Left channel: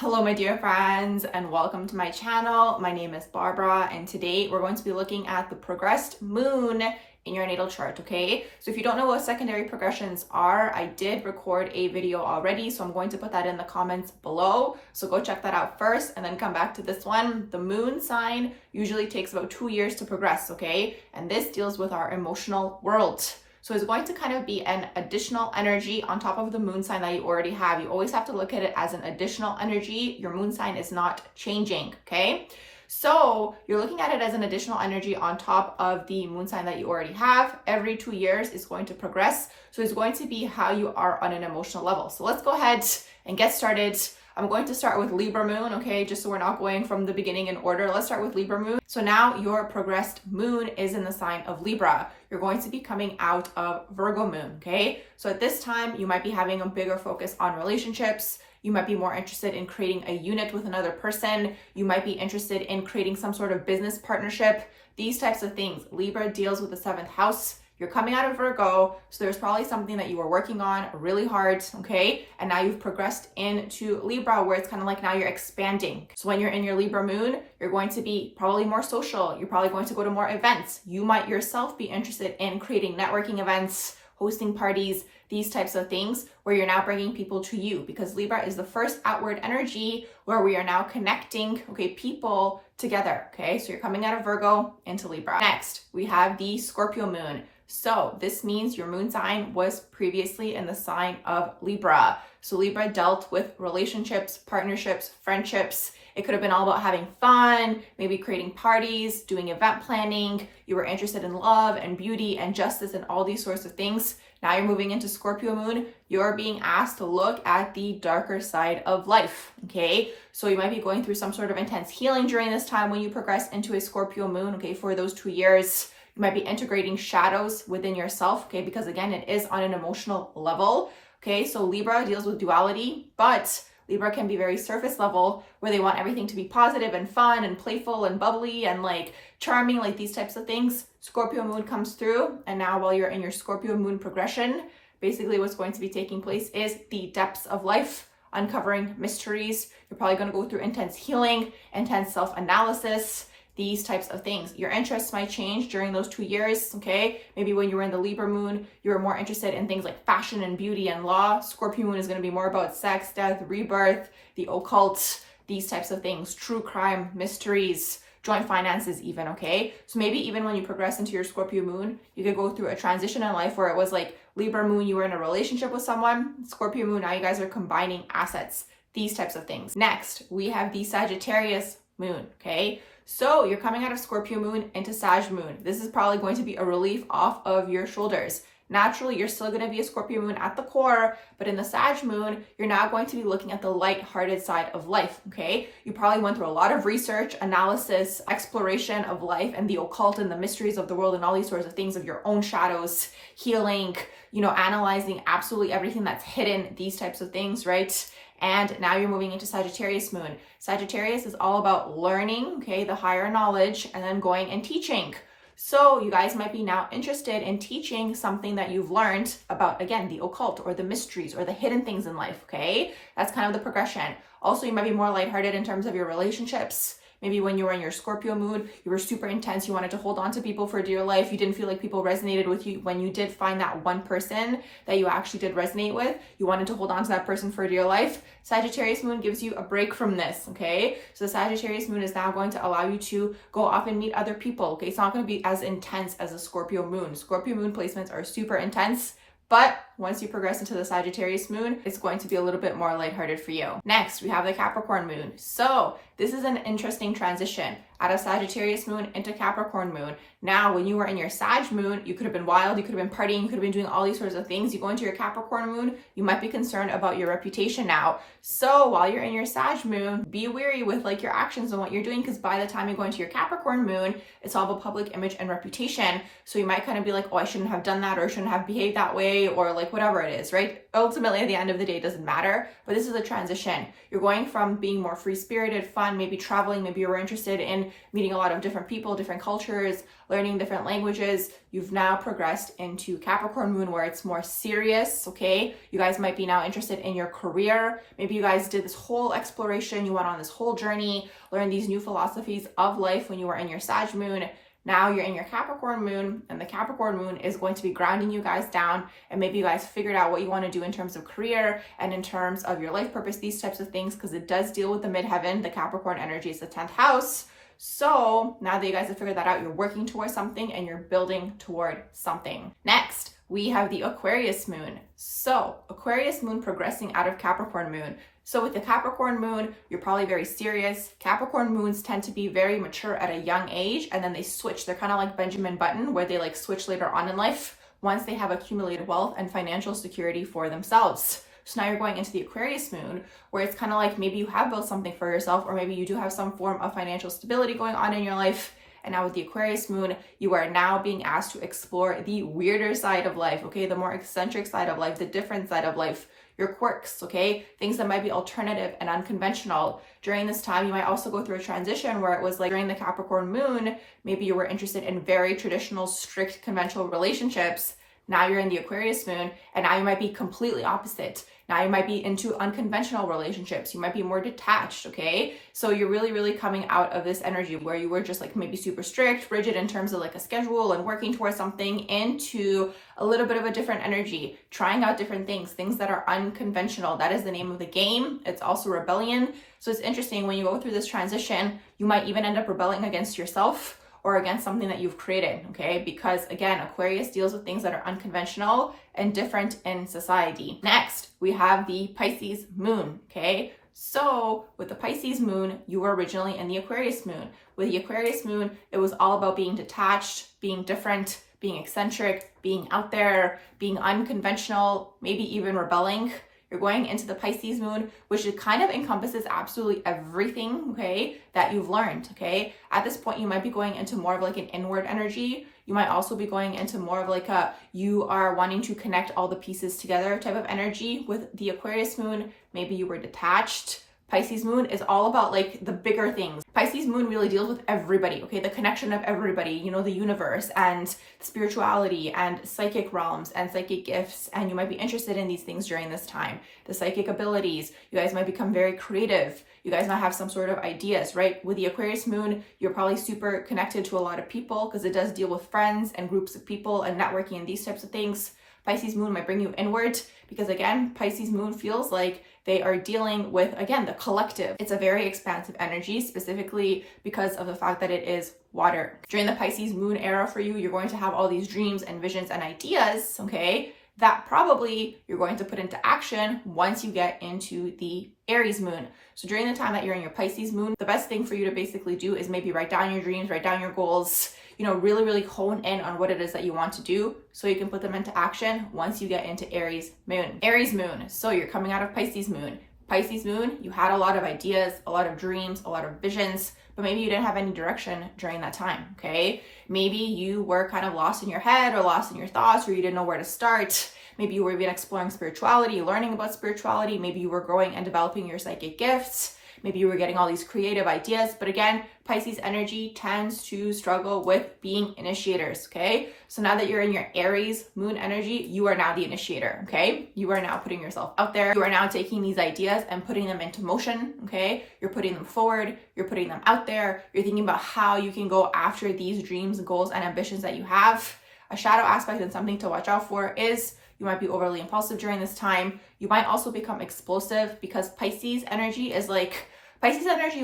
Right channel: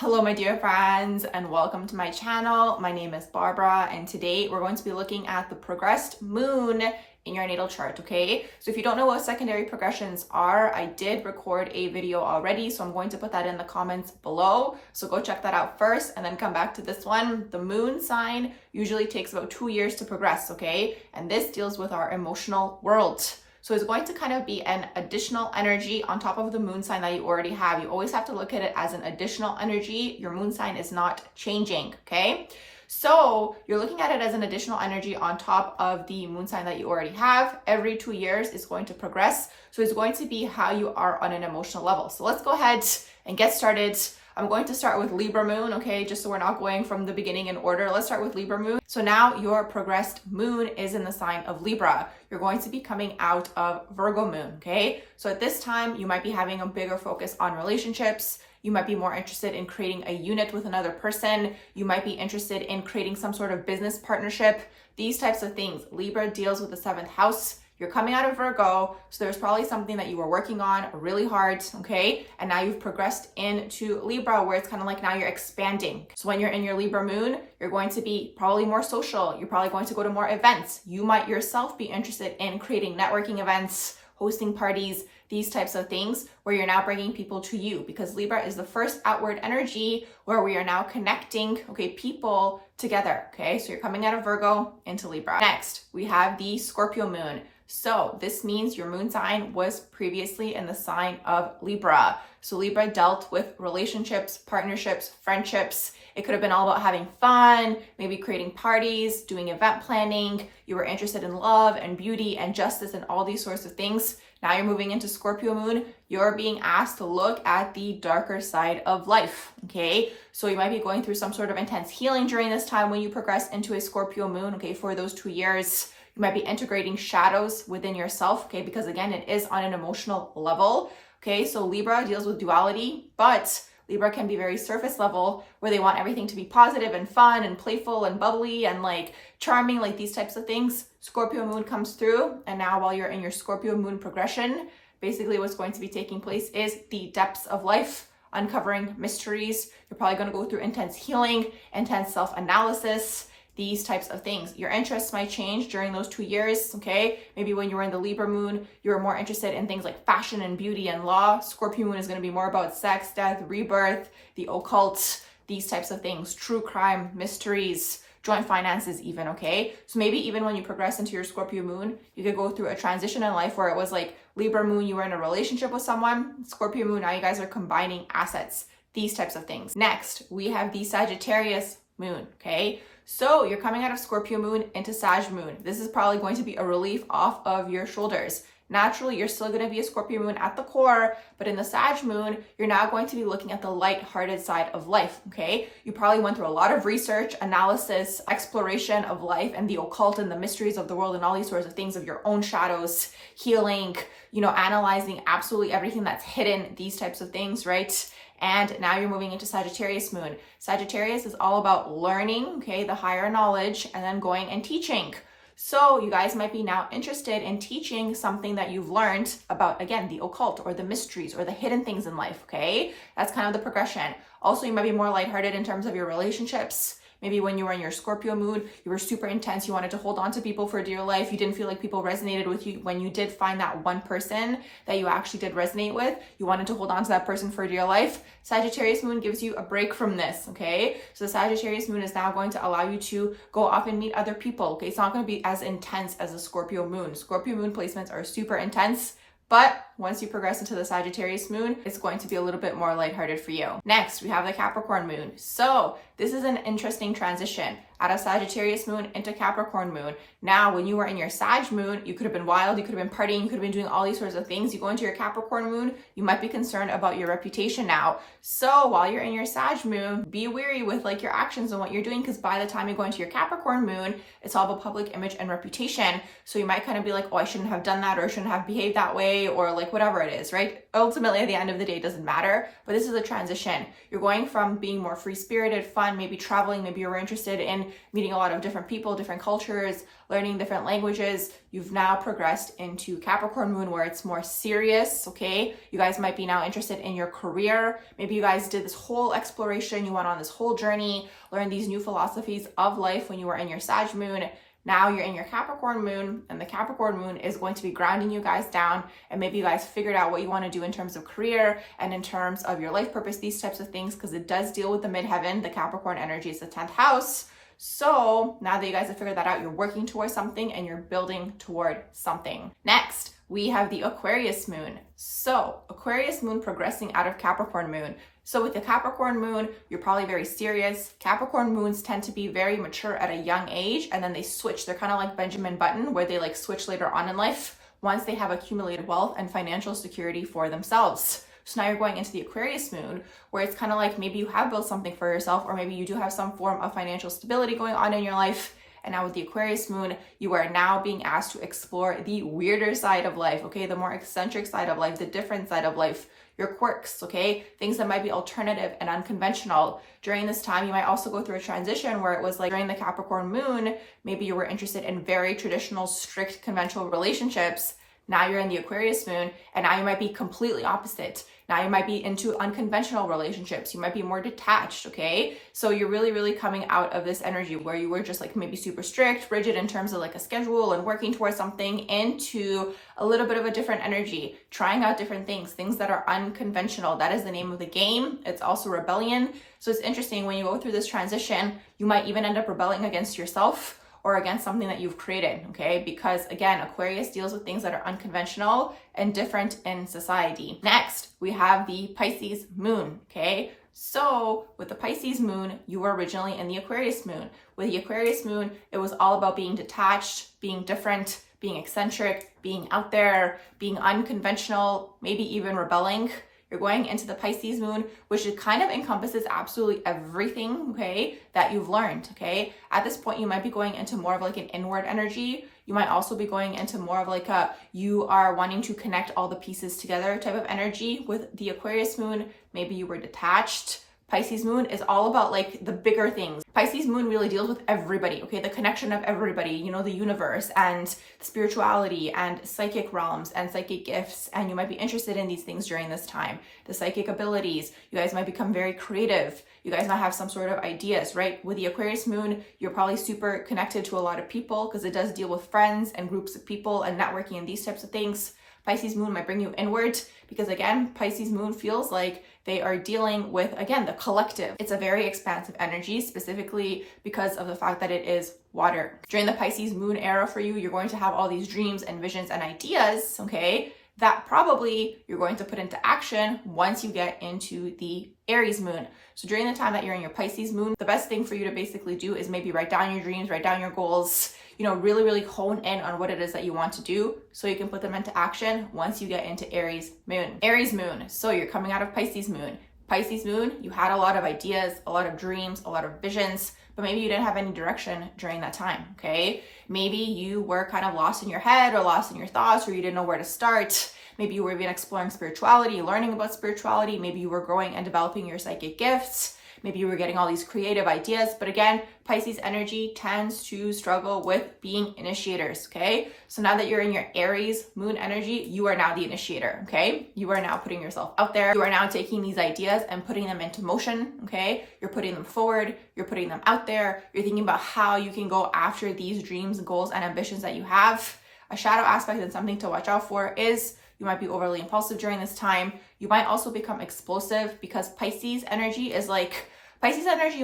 Hello my dear friends and welcome to my channel. My name is Barbara and today we're going to be looking at the progressed moon in your natal chart, okay? So if you don't know what secondary progressions are, I did record a video already, so I'm going to put that in the comments below. So go check that out first and then come back to this one. The moon sign usually takes about 2 years to progress, okay? And this deals with our emotional world. So it's going to kind of be an additional energy on top of the moon sign that you already have. You always have to look at it as an additional energy. Your moon sign is not changing, okay? So you're looking at it as an additional energy on top of the moon sign that you already have. Every 2 years is going to progress. So it's going to be how you are on an emotional level. So let's go ahead and get started. I'm going to start with Libra moon, okay? Just so we're not going from the beginning in order. Let's start with Libra moon. So now your progressed moon is in the sign of Libra. You're going to be coming out of Virgo moon, okay? So at this time, you might be having a bigger focus on relationships. You might be more interested in creating a unit with another person. You might be interested in creating some sort of business partnership. These types of things. Libra deals with the 7th house. You're coming out of Virgo, so there's probably something that you were working on really hard, okay? And now you've progressed into Libra where it's kind of like now you're expanding. So when you're in your Libra moon, you're going to be probably more social. You're probably going to go to more events. You might yourself be interested in creating networking events, hosting parties, these types of things where you're now bringing people to you, because Libra is the first outward energy where we are now connecting, okay, people together, okay? So you're coming out of Virgo into Libra. Next, we have the Scorpio moon. So this means your moon sign was previously in the sign of Libra. So Libra dealt with relationships, partnerships, friendships. It could have been all about having fun, maybe creating parties, doing event planning. You were interested in love and beauty and justice and all these sorts of things. Now you're moving into Scorpio moon. You're being asked to look at the darker side of life, okay? So you might be going through some sort of intense healing during this time when you progress into a Scorpio moon, okay, for those 2 years. You might be integrating shadows within yourself, okay? Because again, it is on an emotional level, okay? So Libra deals with duality, but Libra can be very surface level where they want everything to be positive and fun and playful and bubbly and like charming, like these types of things. Scorpio moon comes through, and now while you're in your Scorpio moon progression, basically what's going to be taking place is the depths of life, uncovering mysteries. You're probably going to go through intense healing, intense self-analysis, these types of things. Your interests might change during those 2 years, okay? Maybe when you were in the Libra moon, you were more interested in things like fashion and beauty and law. Scorpio moon is going to be more about sex, death, rebirth, the occult, these types of things, true crime, mysteries, joint finances even, okay? So maybe even when you progress into your Scorpio moon, you could go through a transition in life where it was like Libra moon, you were in a relationship with someone. Scorpio moon, now you guys are combining assets, these types of things. Next, we have the Sagittarius moon, okay? So you're coming out of Scorpio moon into Sag moon. This is probably going to be a relief off of your shoulders. Naturally, you're still going to be a Scorpio moon at the core, but in the Sag moon, you're now going to be looking at the light-hearted side of life, okay? You probably went through a lot of research, analysis, exploration of life and the occult and the mysteries of the world and all these sorts of things of your own shadows, healing, you know, analyzing absolutely everything that's hidden, these types of things, right? And now you're moving into Sagittarius moon. Sagittarius is all about learning, okay, the higher knowledge, and then going and teaching. So you guys might be now interested in teaching something that you've learned about, again, the occult or the mysteries or the hidden things in life, okay? That's kind of the progression. Also, you might be more lighthearted in terms of your relationships. Maybe when you were in your Scorpio mood, you were super intense. You wanted to hold on to people for dear life. You didn't feel like people resonated with you. When you did find that one person that you actually did resonate with, you wanted to hold on to that person for dear life. Sagittarius moon gives you a break from this, okay? So the Sagittarius moon is now going to allow you to go off and meet other people, okay? It's not going to be as intense as a Scorpio moon. Scorpio moon placements are super intense, but once you progress into the Sagittarius moon, it's going to be a little bit more lighthearted for you. Next, we have the Capricorn moon. So this is an interesting transition out of Sagittarius moon into Capricorn moon. Now, when you were in your Sag moon, you could have been wild, you could have been partying, you could have been doing all these sorts of things. You go into your Capricorn moon, you might be concerned about your reputation now. So while you're in your Sag moon, be wary with like your actions and what you're doing, because by the time you go into your Capricorn moon, it's all about public image and reputation. So you might kind of be like, oh, I shouldn't have done that, or I shouldn't have behaved that way, or like like whatever it is, right? Ultimately, at the end of the day, it doesn't matter, but this is a transition. You're going from being more free-spirited, fun, maybe traveling, maybe you were interested in meeting a lot of different people, different cultures, learning different languages. You've now progressed into Capricorn Moon where it's more serious, okay? You guys might be now interested in your career. Maybe you guys did this whole exploration, you went on this whole journey, learned these new philosophies of life when you were in your Sag Moon. Now you're in your Capricorn Moon, and the Capricorn Moon is going to be grounding you guys down, and maybe you guys figured out what you want to do in terms of career and in terms of your life purpose, these types of things, because it does deal with the midheaven. The Capricorn energy is the 10th house. So now that you guys have figured that out, you're working towards something and you're building toward something. Next, we have the Aquarius Moon. So Aquarius Moon progressing out of Capricorn Moon. So with the Capricorn Moon, you're probably very serious. Capricorn Moons tend to be very mature at a young age, and then they switch. They're kind of like Benjamin Button, where they like switch later on in life once they have accumulated wealth and financial security for themselves. So now you're going into the Aquarius Moon, where it's kind of like maybe you have built something for yourself, or maybe you do have some form of financial stability going on in your life. And now with the Aquarius Moon, you are now being asked to explore the weirder side of life, okay? The more eccentric side of life, the different side of life, your quirks, okay? Things that might be alternative and unconventional. During this time, you might also go through a transition where it was like during the Capricorn Moon, maybe you were interested in very traditional, strict, conventional relationships. Now you're in the Aquarius Moon, and now you might be completely opposite. Now you might be into unconventional relationships. You might be more detached, okay? So you're really, really coming out of this energy where you were just like maybe super strict, rigid in terms of like a schedule and working towards something, into a little bit of a different energy, trying out different things that are unconventional. That is the name of the game. It's also rebellion. So it's interesting when you go through this transition, you might even end up rebelling against yourself or against something that you've created, okay? Because again, Aquarius deals with things that are unconventional and different in society. Next, we have the Pisces Moon, okay? So with the Pisces Moon, you were originally in the Aquarius Moon. With the Aquarius Moon, it was all about being detached, being different, being eccentric, being out there, being unconventional, maybe even rebelling. You're going into the Pisces Moon, which it kind of encompasses absolutely everything, okay, that you've learned, okay? At this point, you might be going into more of like an inward energy. You might also be going into more of like a, you are wanting to connect all the pieces together type of energy. With the Aquarius Moon, maybe you were detached. Pisces Moon is all about like the bigger things. Pisces Moon really deals with everybody, okay? The connection of everybody, you know, the universe and spirituality and psychic realms and psychic gifts. And you might be interested in these things during this time. The psychic abilities, you guys might become very creative. You guys might have some sort of ideas, right? With the Aquarius Moon, you're probably super connected to a lot of people because it does deal with friends and groups of people and networking and these types of things. Pisces Moon might bring you inward because again, Pisces Moon feels like they are dealing with, again, the collective. It's a very expansive energy, specifically because of the fact that it is water. During the Pisces Moon era for you, you're going to have all these dreams and visions and ideas, okay, that probably you're going to put into action once you get into the Aries Moon. So during the time that you're in your Pisces Moon, the best thing for you to basically do is maybe write down your dreams, write down your goals, you know, really, really hone in on what it is that you want to do so you can put them into action once you get into Aries Moon. Aries Moon, so you're coming out of Pisces Moon. Pisces Moon, you had a lot of ideas, a lot of dreams, a lot of visions, but maybe you didn't have any direction during that time, okay? Maybe you were kind of lost in your head or lost in your thoughts, or you didn't know where to start. Maybe you were even exploring spirituality, learning about spirituality. Maybe you were growing and developing your psychic gifts. Maybe you were getting all these creative ideas. But again, Pisces energy tends to struggle with being initiators, okay? So now that you're in your Aries Moon energy, you are now the initiator, okay? You are now putting yourself out there. You are now taking these ideas and putting them into motion, okay? You're putting them forward. You're putting them out there. You're thinking about how you can go after these dreams, goals, and ambitions that you have. A shadow aspect and something to watch out for is you might be overly impulsive during this time. You might also become explosive because Pisces energy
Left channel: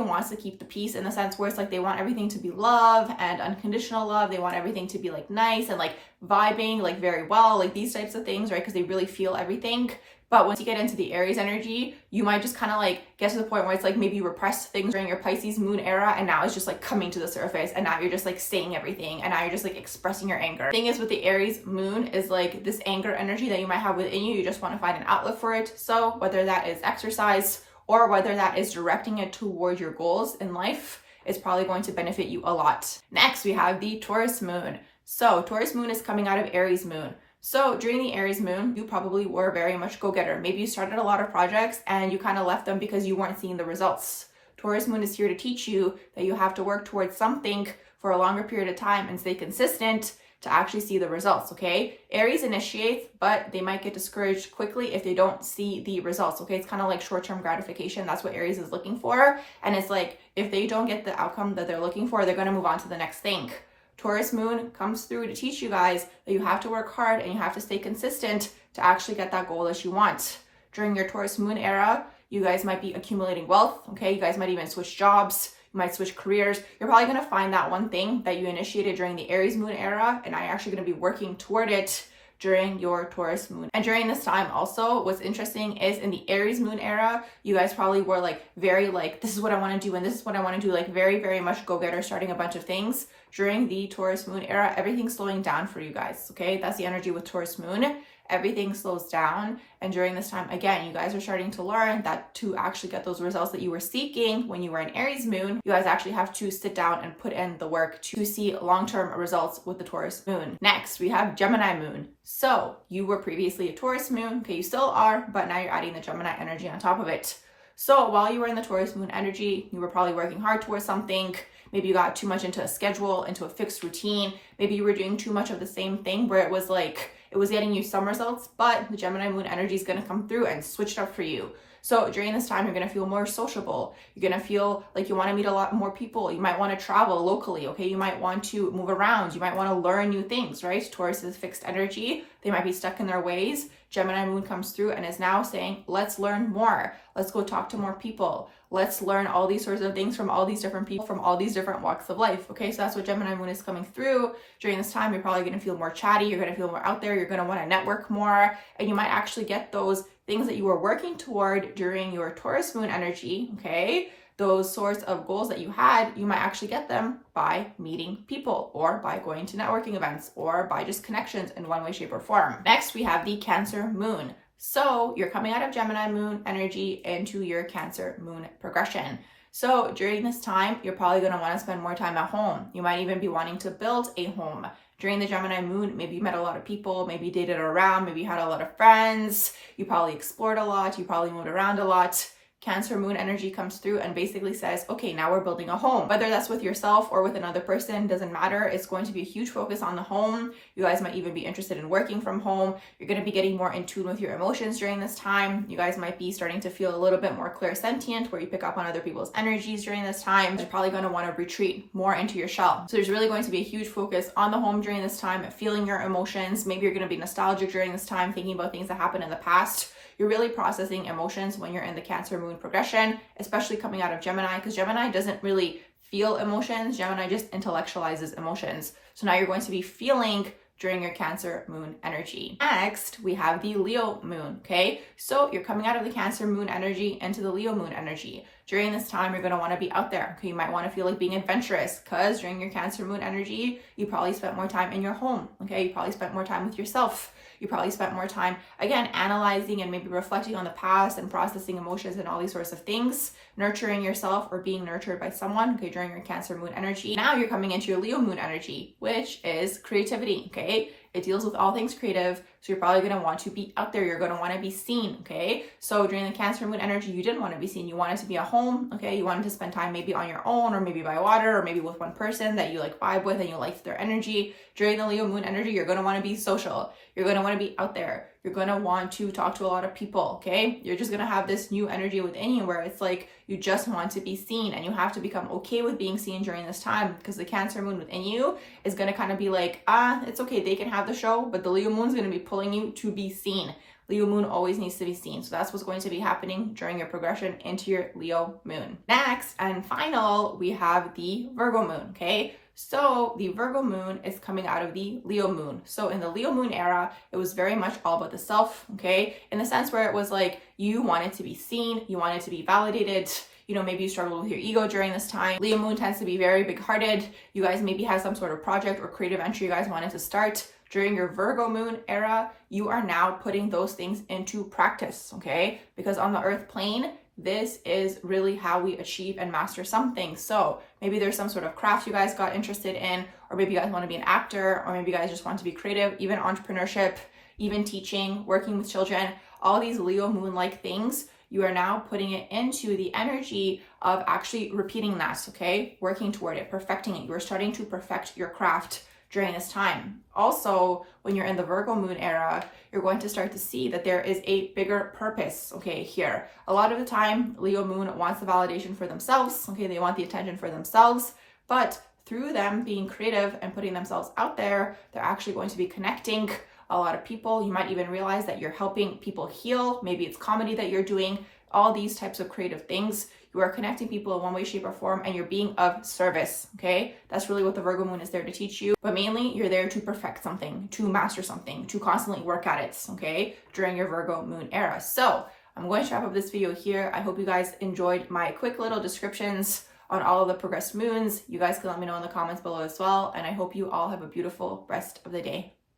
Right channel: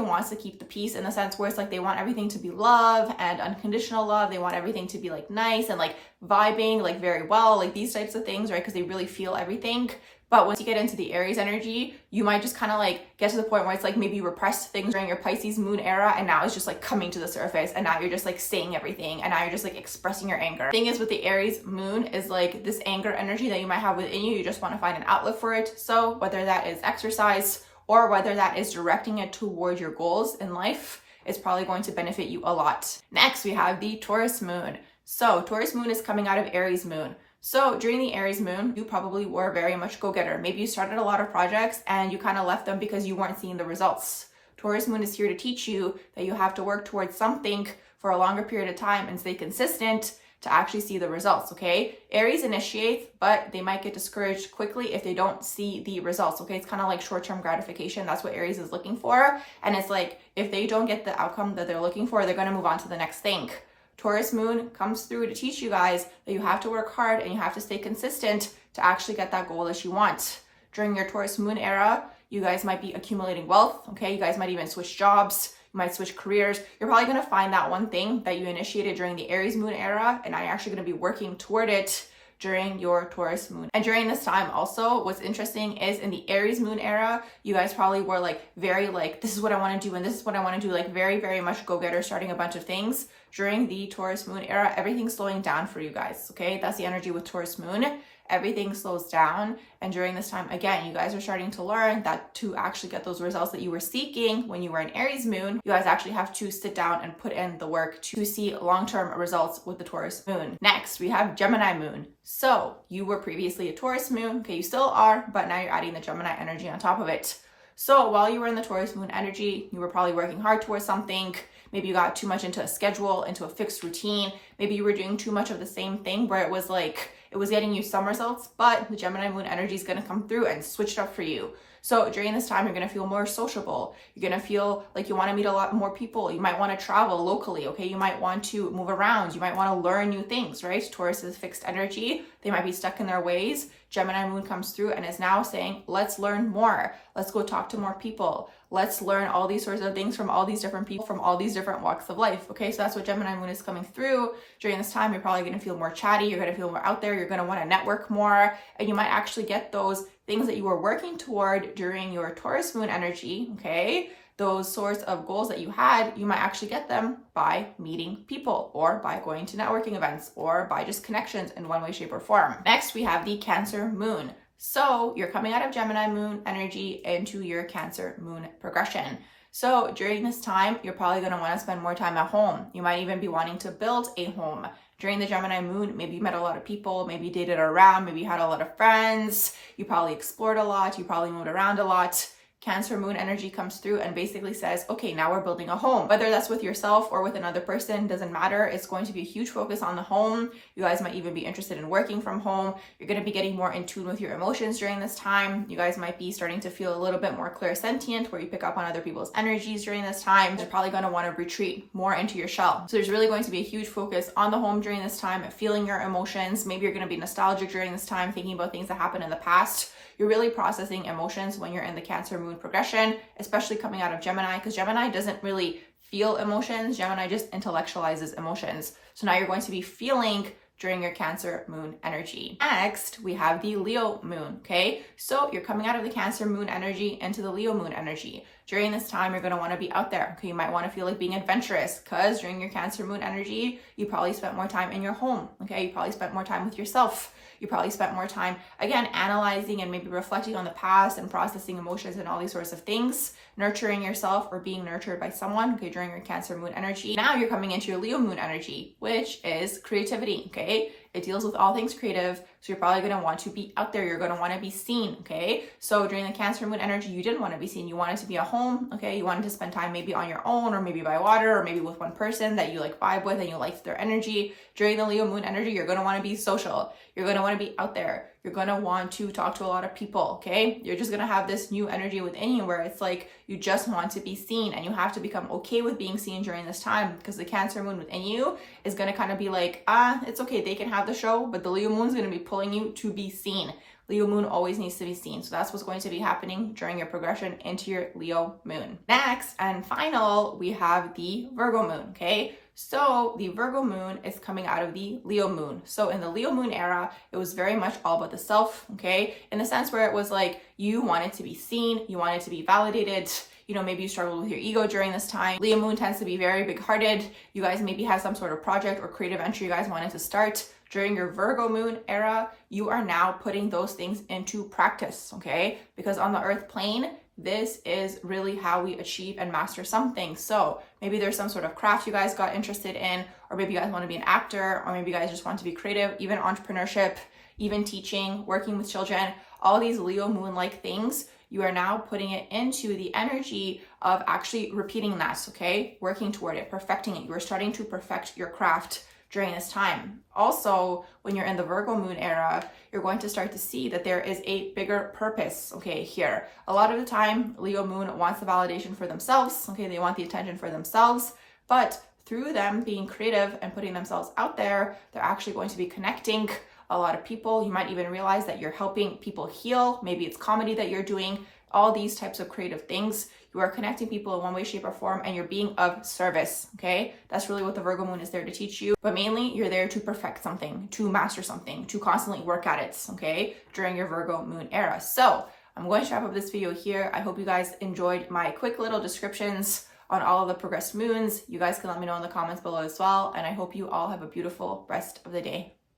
wants to keep the peace in the sense where it's like they want everything to be love and unconditional love. They want everything to be like nice and like vibing like very well, like these types of things, right? Because they really feel everything. But once you get into the Aries energy, you might just kind of like get to the point where it's like maybe you repressed things during your Pisces Moon era and now it's just like coming to the surface and now you're just like saying everything and now you're just like expressing your anger. The thing is with the Aries Moon is like this anger energy that you might have within you, you just want to find an outlet for it. So whether that is exercise or whether that is directing it toward your goals in life, it's probably going to benefit you a lot. Next, we have the Taurus Moon. So Taurus Moon is coming out of Aries Moon. So during the Aries moon, you probably were very much go-getter. Maybe you started a lot of projects and you kind of left them because you weren't seeing the results. Taurus moon is here to teach you that you have to work towards something for a longer period of time and stay consistent to actually see the results, okay? Aries initiates, but they might get discouraged quickly if they don't see the results, okay? It's kind of like short-term gratification. That's what Aries is looking for. And it's like, if they don't get the outcome that they're looking for, they're going to move on to the next thing. Taurus moon comes through to teach you guys that you have to work hard and you have to stay consistent to actually get that goal that you want. During your Taurus moon era, you guys might be accumulating wealth, okay? You guys might even switch jobs. You might switch careers. You're probably going to find that one thing that you initiated during the Aries moon era, and are actually going to be working toward it during your Taurus moon. And during this time also, what's interesting is in the Aries moon era, you guys probably were like very like, this is what I want to do and this is what I want to do, like very, very much go-getter, starting a bunch of things. During the Taurus moon era, everything's slowing down for you guys, okay? That's the energy with Taurus moon. Everything slows down. And during this time, again, you guys are starting to learn that to actually get those results that you were seeking when you were in Aries moon, you guys actually have to sit down and put in the work to see long-term results with the Taurus moon. Next, we have Gemini moon. So you were previously a Taurus moon, okay, you still are, but now you're adding the Gemini energy on top of it. So while you were in the Taurus moon energy, you were probably working hard towards something. Maybe you got too much into a schedule, into a fixed routine. Maybe you were doing too much of the same thing where it was like, it was getting you some results, but the Gemini moon energy is going to come through and switch it up for you. So during this time, you're going to feel more sociable. You're going to feel like you want to meet a lot more people. You might want to travel locally, okay? You might want to move around. You might want to learn new things, right? Taurus is fixed energy. They might be stuck in their ways. Gemini moon comes through and is now saying, let's learn more. Let's go talk to more people. Let's learn all these sorts of things from all these different people from all these different walks of life, okay? So that's what Gemini moon is coming through. During this time, you're probably going to feel more chatty. You're going to feel more out there. You're going to want to network more. And you might actually get those things that you were working toward during your Taurus moon energy, okay? Those sorts of goals that you had, you might actually get them by meeting people or by going to networking events or by just connections in one way, shape, or form. Next, we have the Cancer moon. So you're coming out of Gemini moon energy into your Cancer moon progression. So during this time, you're probably going to want to spend more time at home. You might even be wanting to build a home. During the Gemini moon, maybe you met a lot of people, maybe you dated around, maybe you had a lot of friends, you probably explored a lot, you probably moved around a lot. Cancer moon energy comes through and basically says, okay, now we're building a home. Whether that's with yourself or with another person, doesn't matter. It's going to be a huge focus on the home. You guys might even be interested in working from home. You're going to be getting more in tune with your emotions during this time. You guys might be starting to feel a little bit more clairsentient, where you pick up on other people's energies during this time. You're probably going to want to retreat more into your shell. So there's really going to be a huge focus on the home during this time, feeling your emotions. Maybe you're going to be nostalgic during this time, thinking about things that happened in the past. You're really processing emotions when you're in the Cancer moon progression, especially coming out of Gemini, because Gemini doesn't really feel emotions. Gemini just intellectualizes emotions. So now you're going to be feeling during your Cancer moon energy. Next, we have the Leo moon, okay? So you're coming out of the Cancer moon energy into the Leo moon energy. During this time, you're going to want to be out there. Okay, you might want to feel like being adventurous because during your Cancer moon energy, you probably spent more time in your home, okay? You probably spent more time with yourself. You probably spent more time, again, analyzing and maybe reflecting on the past and processing emotions and all these sorts of things, nurturing yourself or being nurtured by someone, okay, during your Cancer moon energy. Now you're coming into your Leo moon energy, which is creativity, okay? It deals with all things creative. So you're probably going to want to be out there. You're going to want to be seen, okay? So during the Cancer moon energy, you didn't want to be seen. You wanted to be at home, okay? You wanted to spend time maybe on your own or maybe by water or maybe with one person that you like vibe with and you liked their energy. During the Leo moon energy, you're going to want to be social. You're going to want to be out there. You're going to want to talk to a lot of people, okay? You're just going to have this new energy within you where it's like you just want to be seen, and you have to become okay with being seen during this time, because the Cancer moon within you is going to kind of be like, it's okay, they can have the show, but the Leo moon is going to be pulling you to be seen. Leo moon always needs to be seen. So that's what's going to be happening during your progression into your Leo moon. Next and final, we have the Virgo moon, okay? So the Virgo moon is coming out of the Leo moon. So in the Leo moon era, it was very much all about the self, okay? In the sense where it was like you wanted to be seen, you wanted to be validated. You know, maybe you struggled with your ego during this time. Leo moon tends to be very big-hearted. You guys maybe have some sort of project or creative venture you guys wanted to start. During your Virgo moon era, you are now putting those things into practice, okay? Because on the earth plane, this is really how we achieve and master something. So maybe there's some sort of craft you guys got interested in, or maybe you guys want to be an actor, or maybe you guys just want to be creative, even entrepreneurship. even teaching, working with children, all these Leo Moon-like things, you are now putting it into the energy of actually repeating that, okay? Working toward it, perfecting it. You are starting to perfect your craft during this time. Also, when you're in the Virgo Moon era, you're going to start to see that there is a bigger purpose, okay, here. A lot of the time, Leo Moon wants the validation for themselves, okay? They want the attention for themselves, but through them being creative and putting themselves out there, they're actually going to be connecting a lot of people. You might even realize that you're helping people heal. Maybe it's comedy that you're doing, all these types of creative things. You are connecting people in one way, shape, or form, and you're being of service, okay? That's really what the Virgo Moon is there to teach you. But mainly, you're there to perfect something, to master something, to constantly work at it, okay? During your Virgo Moon era. So I'm going to wrap up this video here. I hope you guys enjoyed my quick little descriptions on all of the progressed moons. You guys can let me know in the comments below as well. And I hope you all have a beautiful rest of the day.